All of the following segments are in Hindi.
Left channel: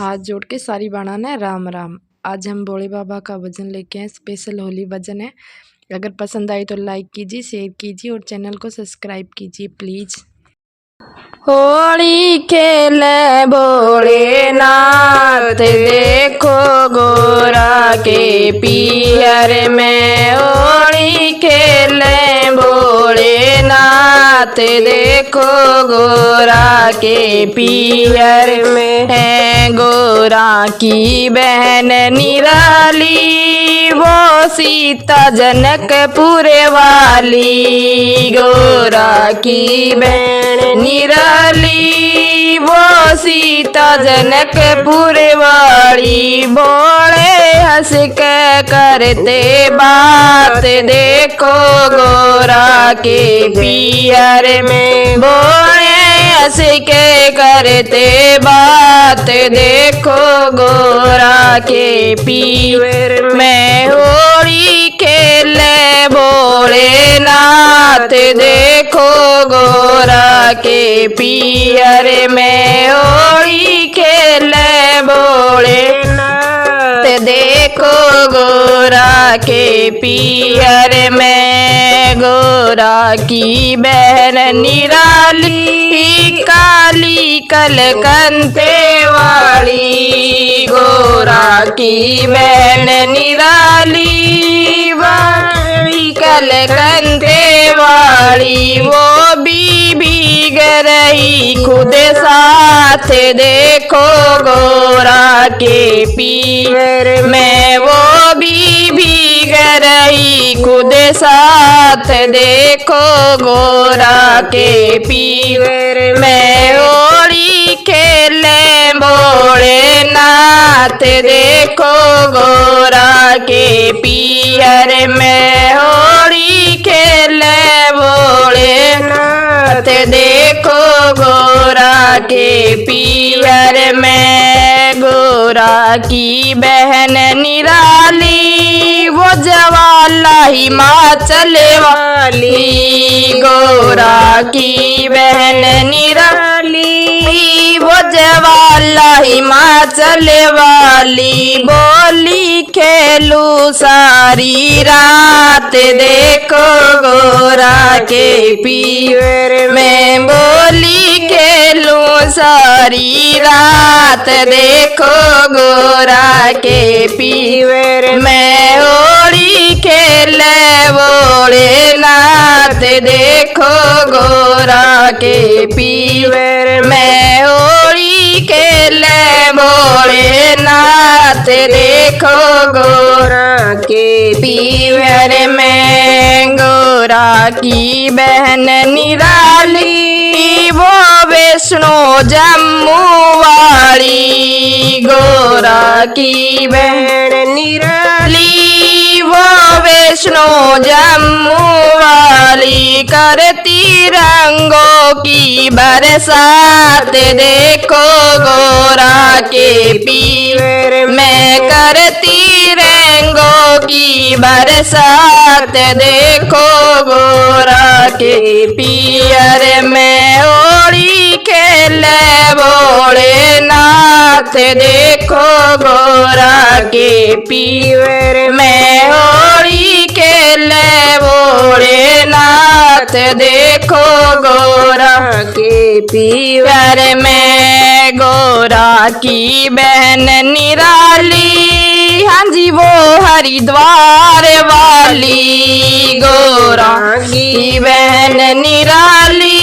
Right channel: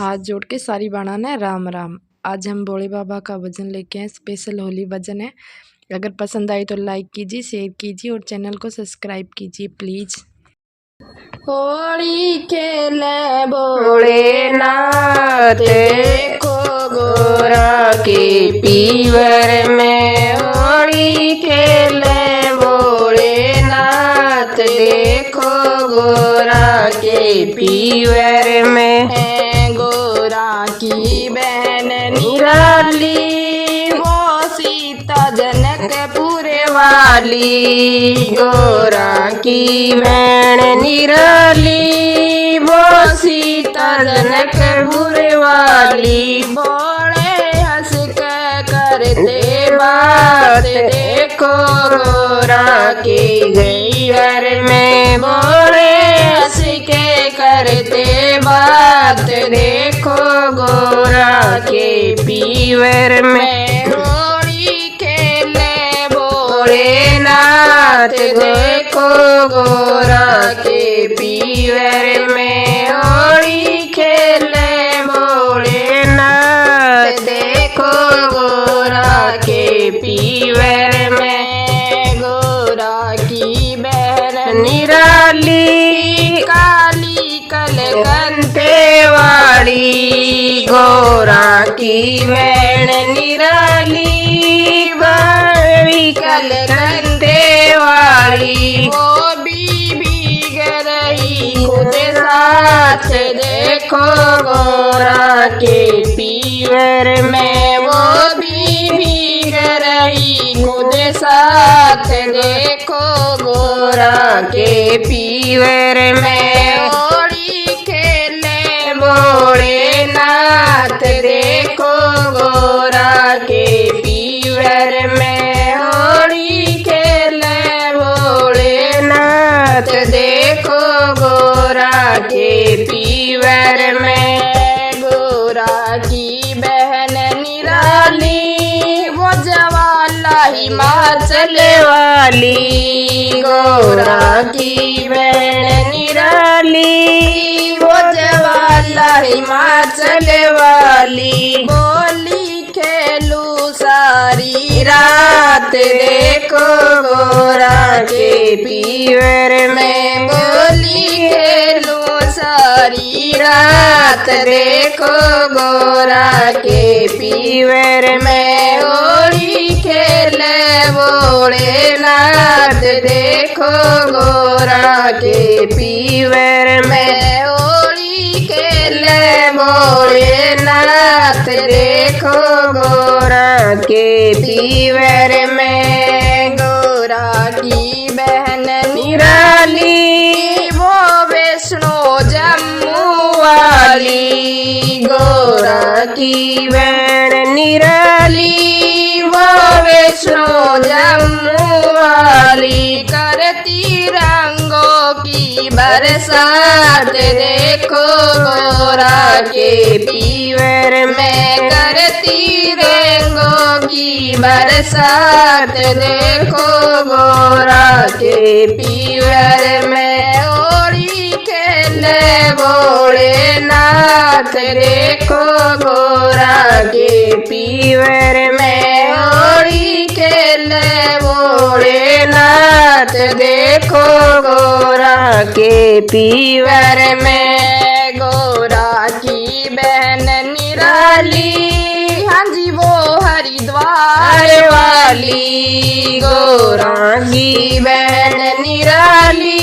हाथ जोड़ के सारी बनाना है राम राम। आज हम भोले बाबा का भजन लेके आए, स्पेशल होली भजन है। अगर पसंद आई तो लाइक कीजिए, शेयर कीजिए और चैनल को सब्सक्राइब कीजिए प्लीज। होली खेले भोलेनाथ, देखो गोरा के पियर में। होली खेले भोलेनाथ, देखो गोरा के पियर में। है गोरा की बहन निराली, वो सीता जनकपुर वाली। गोरा की बहन निराली, वो सीता जनकपुर वाली। बोले हंस के करते बात, देखो गोरा के पियर में। बोले हंस के करते बात, देखो गोरा के पियर में। होली खेले भोलेनाथ, देखो गोरा के पियर में। होली खेले भोलेनाथ, देखो गोरा के पियर में। गोरा की बहन निराली, काली कलकंते वाली। गोरा की बहन निराली, वाली कलकंते वाली। वो भी भीग रही खुद साथ, देखो गोरा के पियर में। वो भी भीग रही खुद साथ, देखो गोरा के पियर में। होली खेले भोलेनाथ, देखो गोरा के पियर में। होली खेले भोलेनाथ, देखो गोरा के पियर में। गोरा की बहन निराली, वो जवाला हिमाचल वाली। गोरा की बहन निराली, वो जवाला हिमाचल वाली। बोली खेलू सारी रात, देखो गोरा के पियर में। बोली खेलू सारी रात, देखो गोरा के पियर में। होली खेले भोलेनाथ, देखो गोरा के पियर में। होली खेले भोलेनाथ, देखो गोरा के पियर में। गोरा की बहन निराली, वो वैष्णो जम्मू वाली। गोरा की बहन निराली, वो वैष्णो जम्मू वाली। करती रंगों की बरसात, देखो गोरा के पियर में। करती रंगों की बरसात, देखो गोरा के पियर में। होली खेले भोलेनाथ, देखो गोरा के पियर में। होली खेले भोलेनाथ, देखो गोरा के पियर में। गोरा की बहन निराली, हाँ जी वो हरिद्वार वाली। गोरा की बहन निराली,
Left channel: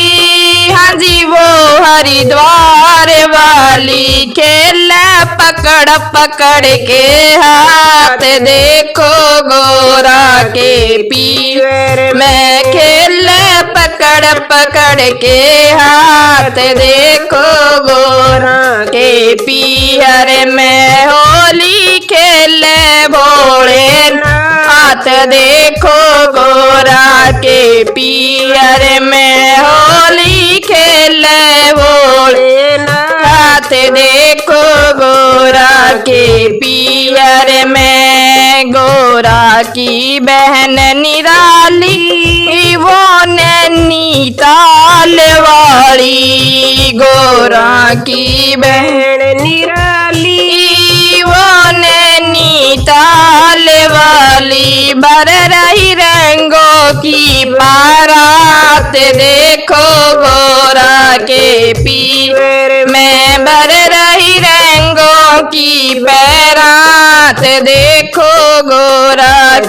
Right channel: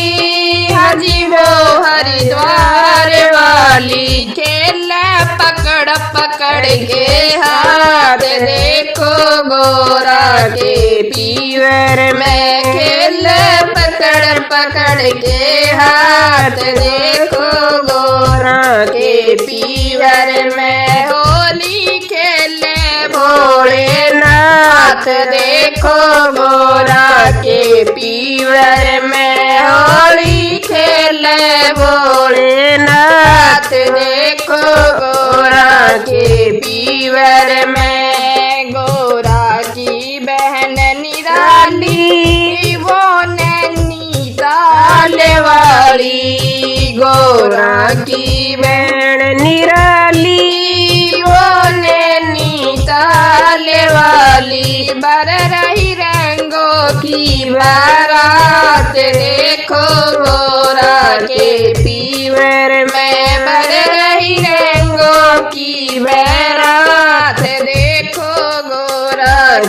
हाँ जी वो हरिद्वार वाली। खेला पकड़ पकड़ के हाथ, देखो गोरा के पियर में। खेला पकड़ पकड़ के हाथ, देखो गोरा के पियर में। होली खेले भोलेनाथ, देखो गोरा के पियर में। होली खेले भोलेनाथ, देखो गोरा के पियर में। गोरा की बहन निराली, वो नैनीताल वाली। गोरा की बहन निराली,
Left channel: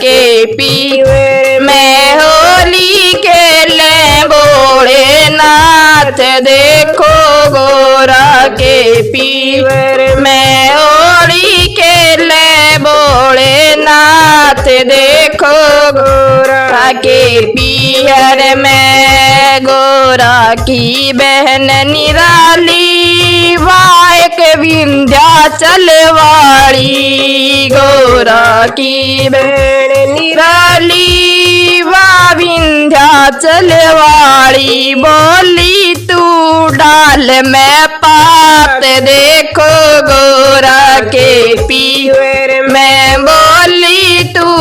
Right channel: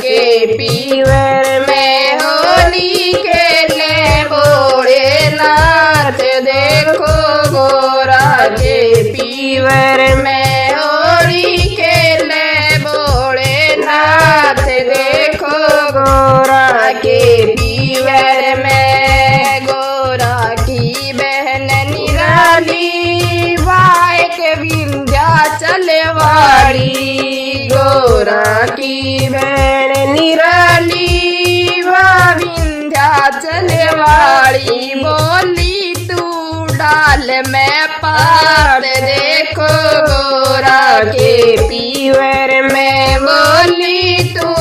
के पीवर में होली खेले भोलेनाथ देखो गोरा के पीवर में होली खेले भोलेनाथ देखो गोरा के पीहर में गोरा की बहन निराली वायक विंध्याचल वाली गोरा की बहन निराली वा विंध्याचल वाली बोली तू डाल में पात देखो गोरा के पीवर में बोली तू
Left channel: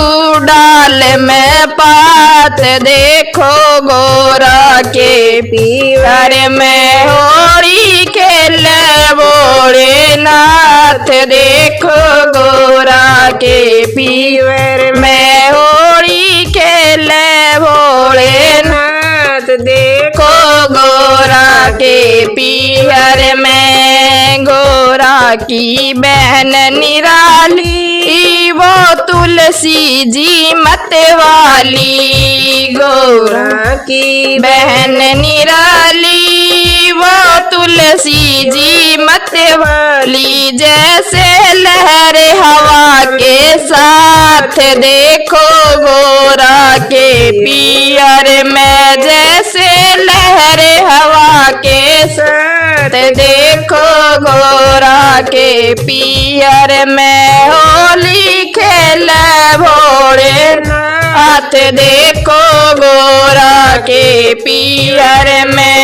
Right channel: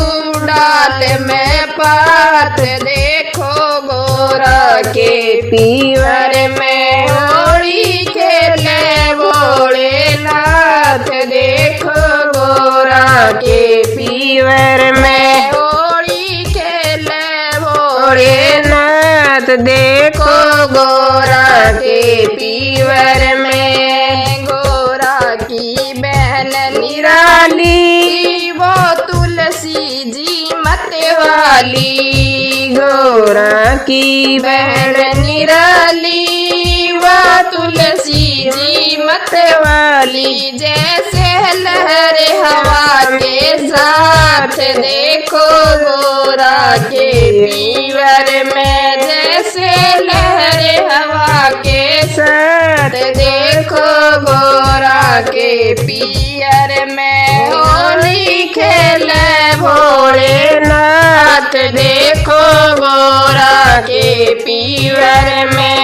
डाल में पात देखो गोरा के पीवर में होली खेले भोलेनाथ देखो गोरा के पीवर में होली खेले भोलेनाथ देखो गोरा के पीवर में गोरा की बहन निराली वो तुलसी जी मत वाली गोरा की बहन निराली वो तुलसी जी मत वाली जैसे लहर हवा के साथ देखो गोरा के पीहर में जैसे लहर हवा के साथ देखो गोरा के पीहर में होली खेले भोलेनाथ देखो गोरा के पीहर में